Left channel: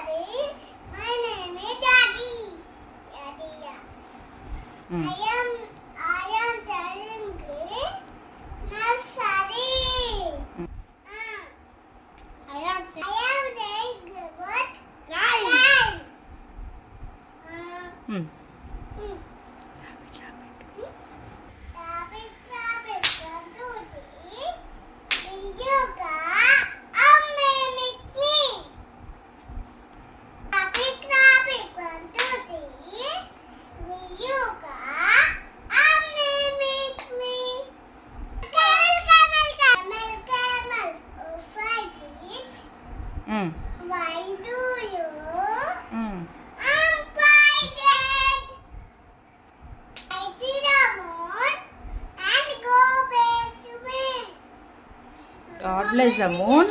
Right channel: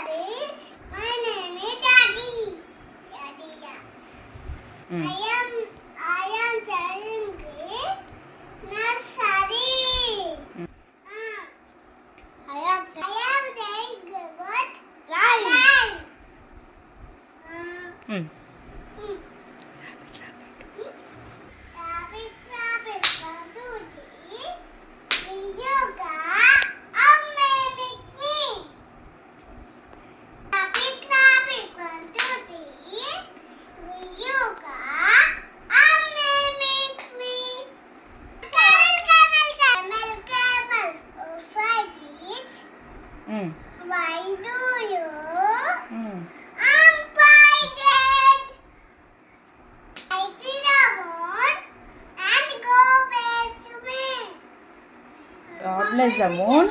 My name is Daddy. Daddy, yeah. I am telling nursery. I am saying good. Rhyme. Rabbit, rabbit, 1, 2, 3. Yoga. Amme make me. Rabbit, rabbit, 1, 2, 3. Yoga. Amme make me. Camel, camel. Oh, 5 feet. Why do you? I'm frightened. I see the moon and go back to bed. God bless the moon.